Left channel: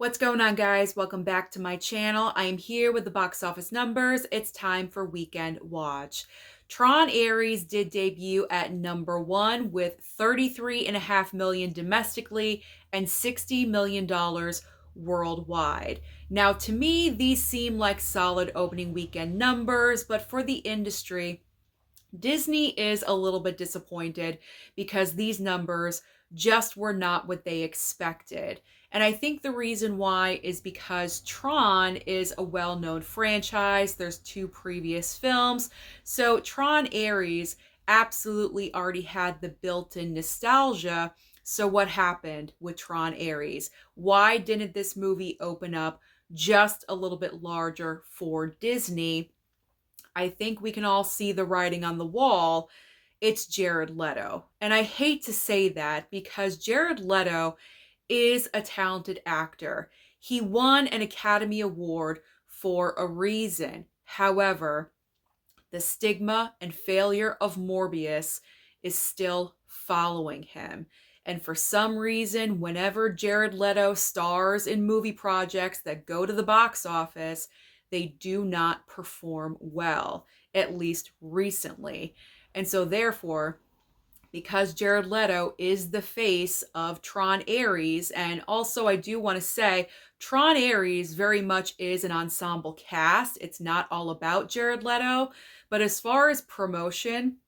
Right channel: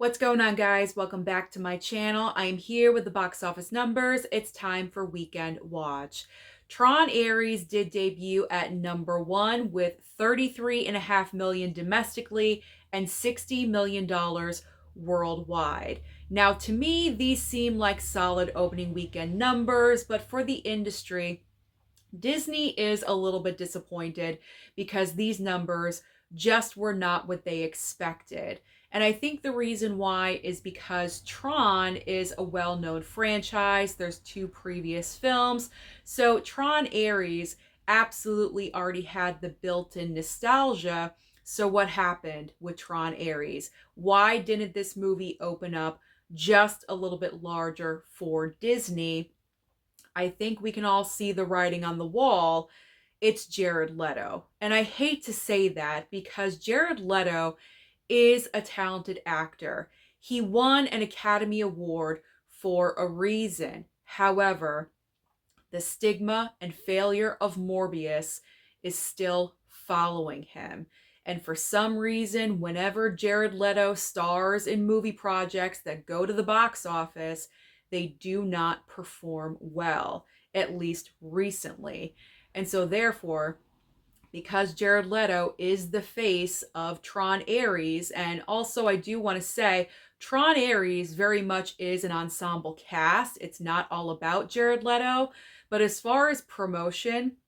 What's going on, guys? Welcome back to my channel. I am here with the box office numbers. It's time for Weekend Watch. Tron Ares did debut at #1 with $33.5 million domestically and $60 million worldwide. Now, to me, these seem like solid opening weekend numbers, but for the industry, Disney is a little bit disappointed because these numbers just were not what they expected. And I think the reason why is because Tron is a well-known franchise. There's two previous films. So Tron Ares absolutely already had the built-in nostalgia. So what happened with Tron Ares? Why didn't this movie open up just a little bit larger for Disney? I think we can all see the writing on the wall. It's Jared Leto. And I hate to say that because Jared Leto is a talented actor. He won an Academy Award for a reason. However, the stigma and failure of Morbius is still following him. And for some reason, whenever Jared Leto stars in movie projects that go to the box office, they do not perform well, at least recently. And so therefore, because Jared Leto is the face of Tron Ares, and also I do want to say Tron Ares very much is an ensemble cast. It's not all about Jared Leto, but as far as promotion,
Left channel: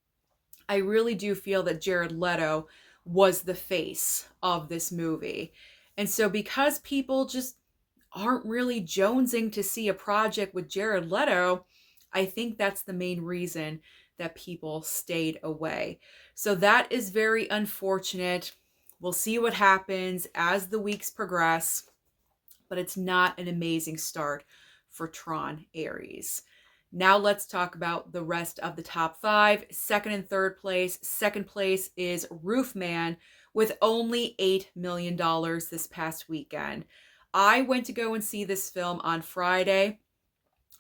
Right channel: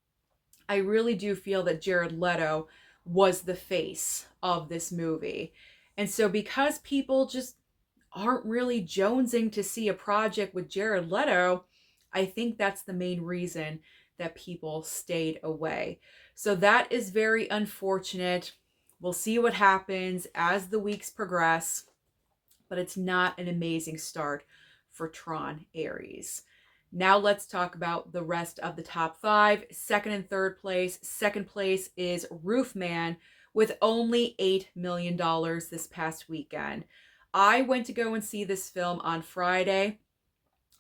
I really do feel that Jared Leto was the face of this movie. And so because people just aren't really jonesing to see a project with Jared Leto, I think that's the main reason that people stayed away. So that is very unfortunate. We'll see what happens as the weeks progress, but it's not an amazing start for Tron Ares. Now let's talk about the rest of the top five. Second and third place. Second place is Roofman with only $8 million this past weekend. I went to go and see this film on Friday,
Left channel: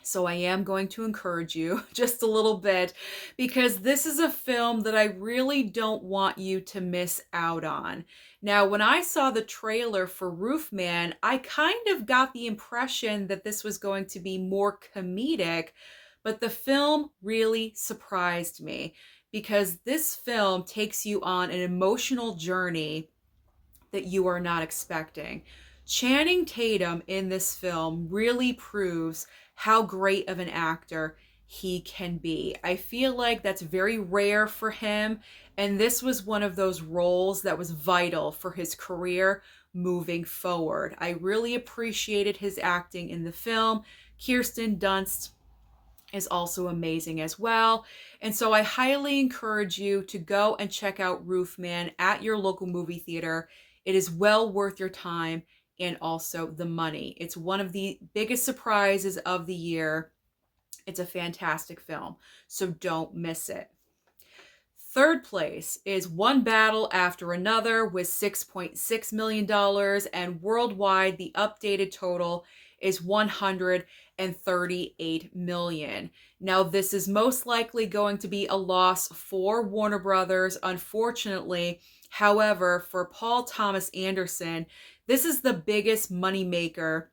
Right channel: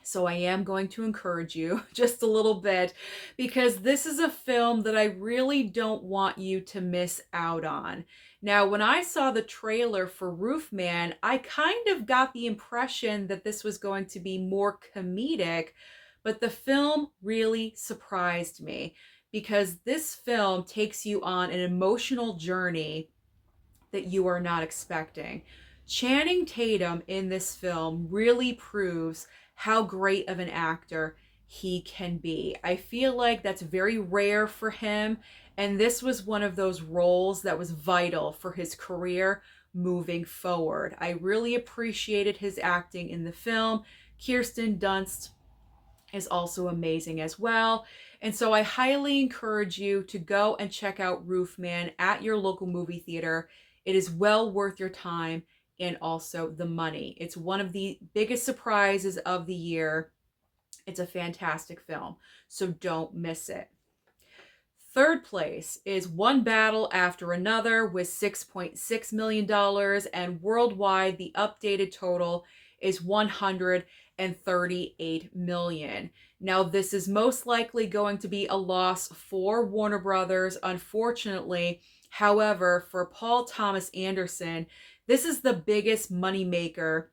so I am going to encourage you just a little bit because this is a film that I really don't want you to miss out on. Now, when I saw the trailer for Roofman, I kind of got the impression that this was going to be more comedic, but the film really surprised me because this film takes you on an emotional journey that you are not expecting. Channing Tatum in this film really proves how great of an actor he can be. I feel like that's very rare for him, and this was one of those roles that was vital for his career moving forward. I really appreciated his acting in the film. Kirsten Dunst is also amazing as well. And so I highly encourage you to go and check out Roofman at your local movie theater. It is well worth your time and also the money. It's one of the biggest surprises of the year. It's a fantastic film, so don't miss it. Third place is One Battle After Another with $6.6 million, and worldwide the updated total is $138 million. Now, this is most likely going to be a loss for Warner Brothers, unfortunately. However, for Paul Thomas Anderson, this is the biggest moneymaker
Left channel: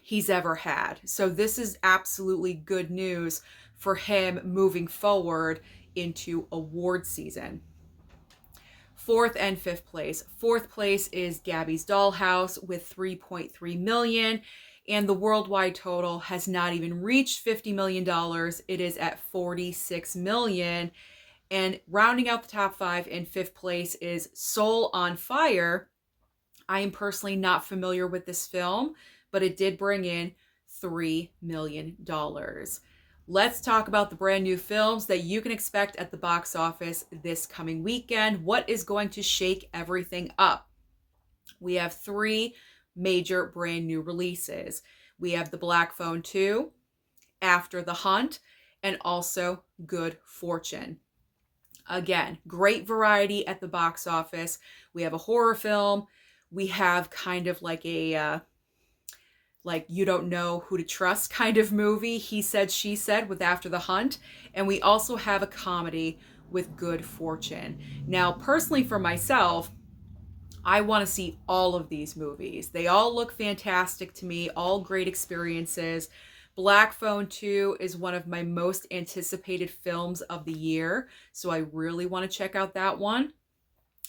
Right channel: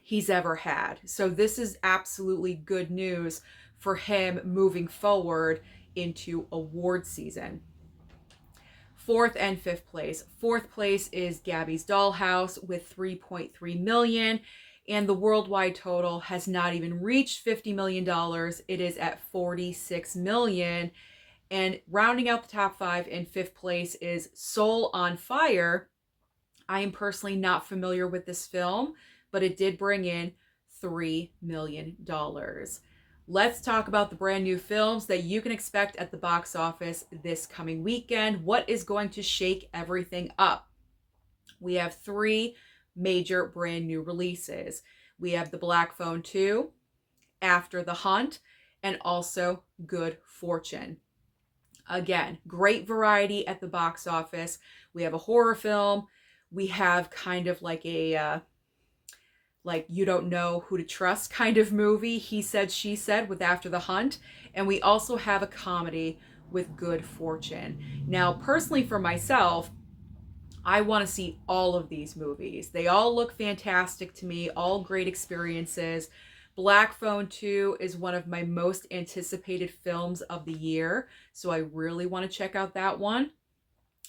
he's ever had. So this is absolutely good news for him moving forward into award season. Fourth and fifth place. Fourth place is Gabby's Dollhouse with $3.3 million, and the worldwide total has not even reached $50 million. It is at $46 million. And rounding out the top five, in fifth place is Soul on Fire. I am personally not familiar with this film, but it did bring in $3 million. Let's talk about the brand new films that you can expect at the box office this coming weekend. What is going to shake everything up? We have three major brand new releases. We have The Black Phone 2, After the Hunt, and also Good Fortune. Again, great variety at the box office. We have a horror film. We have kind of like a like you don't know who to trust kind of movie, He Said, She Said with After the Hunt. And we also have a comedy with Good Fortune. Now, personally for myself, I want to see all of these movies. They all look fantastic to me, all great experiences. Black Phone 2 is one of my most anticipated films of the year, so I really want to check out that one.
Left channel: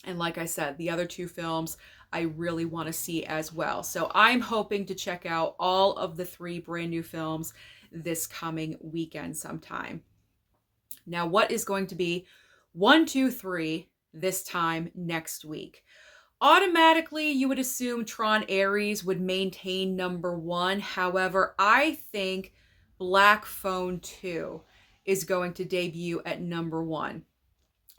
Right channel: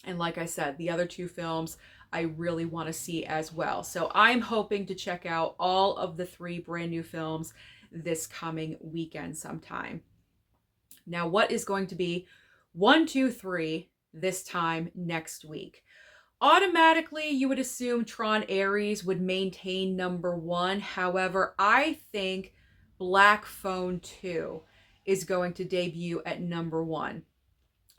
And like I said, the other two films I really want to see as well. So I'm hoping to check out all of the three brand new films this coming weekend sometime. Now, what is going to be 1, 2, 3 this time next week? Automatically, you would assume Tron Ares would maintain number one. However, I think Black Phone 2 is going to debut at number one.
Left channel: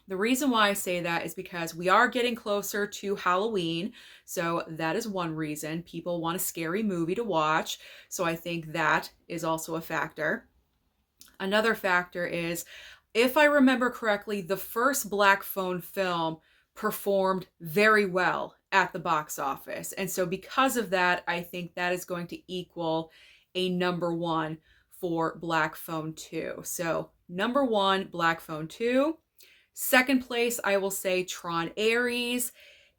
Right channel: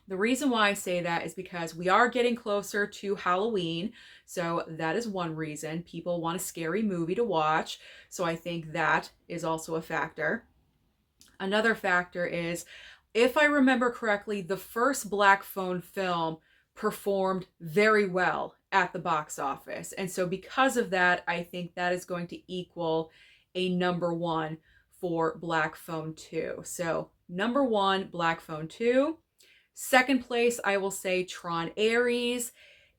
The reason why I say that is because we are getting closer to Halloween. So that is one reason. People want a scary movie to watch. So I think that is also a factor. Another factor is, if I remember correctly, the first Black Phone film performed very well at the box office. And so because of that, I think that is going to equal a number one for Black Phone 2. So number one, Black Phone 2. Second place, I will say Tron Ares.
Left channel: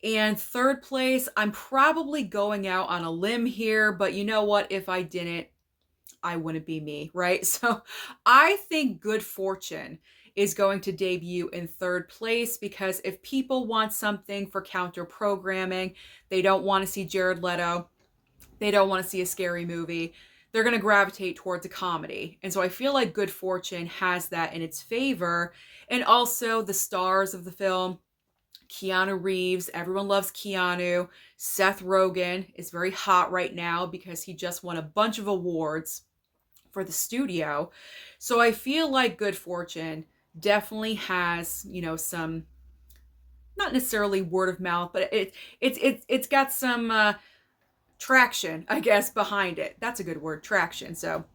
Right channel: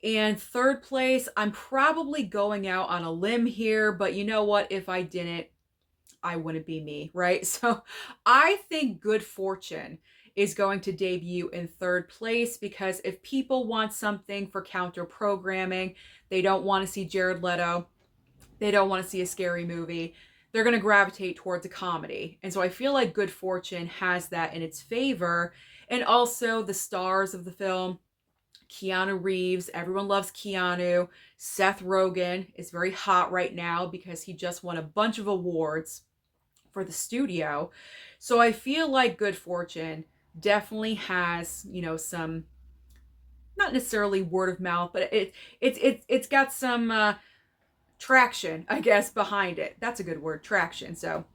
And third place, I'm probably going out on a limb here, but you know what? If I didn't, I wouldn't be me, right? So I think Good Fortune is going to debut in third place, because if people want something for counter programming, they don't want to see Jared Leto, they don't want to see a scary movie, they're going to gravitate towards a comedy. And so I feel like Good Fortune has that in its favor. And also the stars of the film, Keanu Reeves, everyone loves Keanu. Seth Rogen is very hot right now because he just won a bunch of awards for the studio. So I feel like Good Fortune definitely has, some, not necessarily word of mouth, but it's got some traction, I guess, behind it. That's a good word, traction. So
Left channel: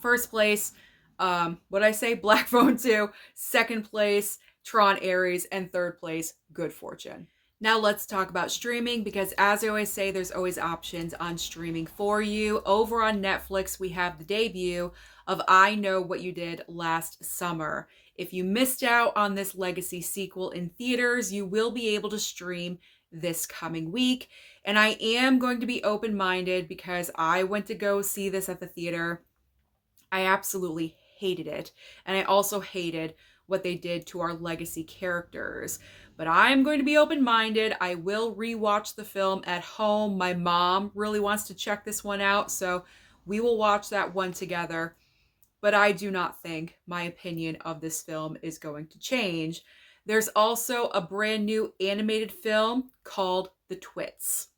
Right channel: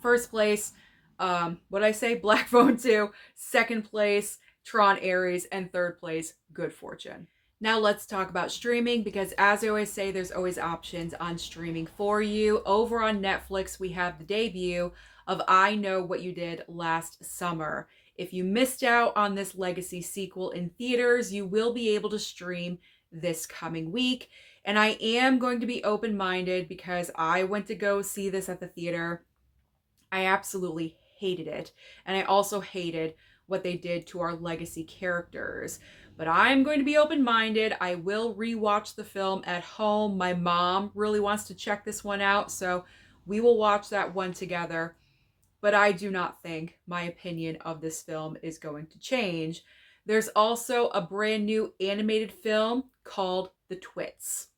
first place, what I say, Black Phone 2. Second place, Tron Ares. And third place, Good Fortune. Now let's talk about streaming, because as I always say, there's always options on streaming for you. Over on Netflix, we have the debut of I Know What You Did Last Summer. If you missed out on this legacy sequel in theaters, you will be able to stream this coming week. And I am going to be open-minded because I went to go see this at the theater. I absolutely hated it. And I also hated what they did to our legacy characters. But I'm going to be open-minded. I will rewatch the film at home. My mom really wants to check this one out, so we will watch that one together. But I do not think my opinion of this film is going to change. There's also a brand new animated film called The Twits.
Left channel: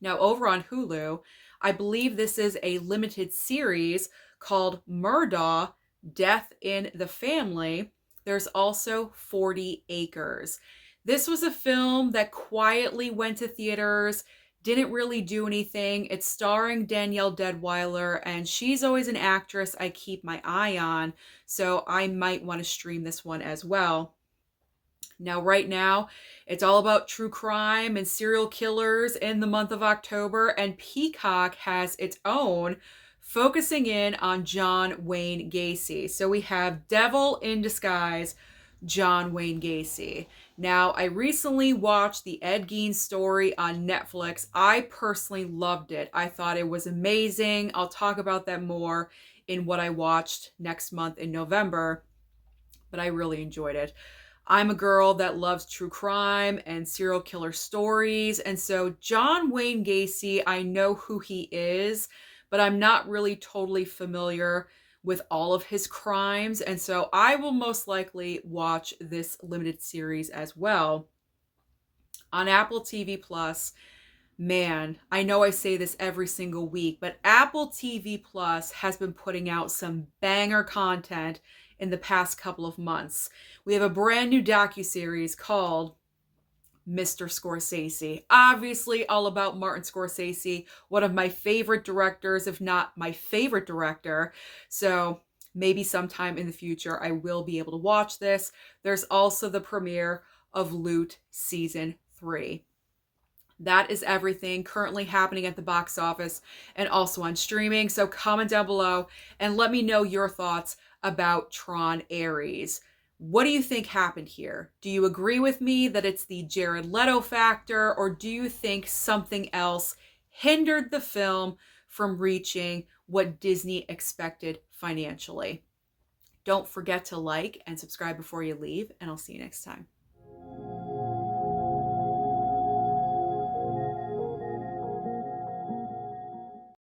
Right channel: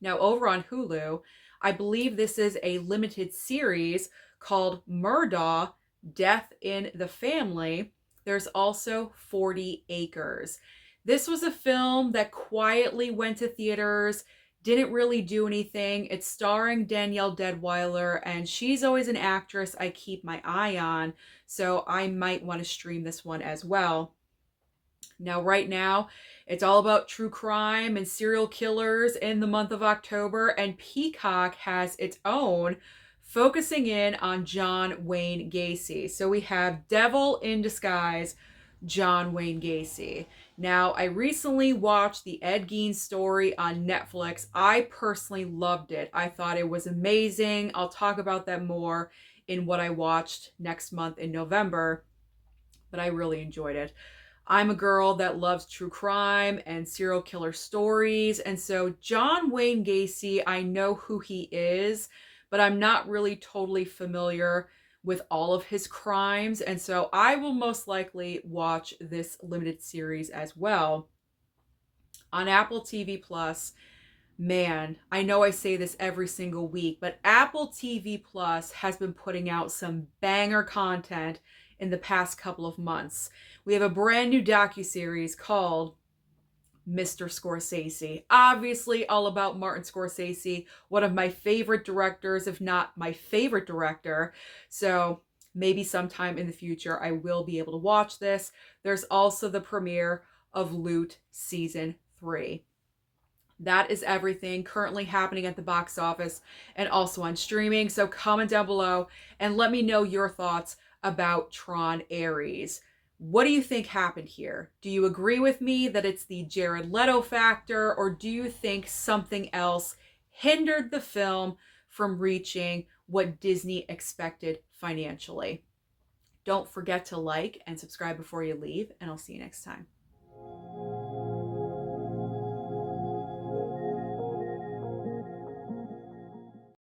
Now, over on Hulu, I believe this is a limited series called Murdaugh, Death in the Family. There's also 40 Acres. This was a film that quietly went to theaters, didn't really do anything. It's starring Danielle Deadwyler, and she's always an actress I keep my eye on, so I might want to stream this one as well. Now, right now, it's all about true crime and serial killers in the month of October, and Peacock has its own, focusing in on John Wayne Gacy. So we have Devil in Disguise, John Wayne Gacy. Now, I recently watched the Ed Gein story on Netflix. I personally loved it. I thought it was amazing. I'll talk about that more in what I watched next month in November, but I really enjoyed it. I'm a girl that loves true crime and serial killer stories, and so John Wayne Gacy, I know who he is, but I'm not really totally familiar with all of his crimes, and so I will most likely watch this limited series as well. On Apple TV Plus, man, I know I say this every single week, but Apple TV Plus has been putting out some banger content in the past couple of months. We have a brand new docuseries called Mr. Scorsese. Obviously, all about Martin Scorsese, one of my favorite directors, if not my favorite director. So maybe sometime in the future, I will be able to watch this. There's also the premiere of Loot Season 3. That is everything currently happening at the box office and also on streaming. So comment down below and let me know your thoughts about Tron Ares. What do you think happened here? Do you agree with me that it's the Jared Leto factor, or do you think something else hindered the film from reaching what Disney expected financially? Don't forget to like and subscribe before you leave, and I'll see you next time.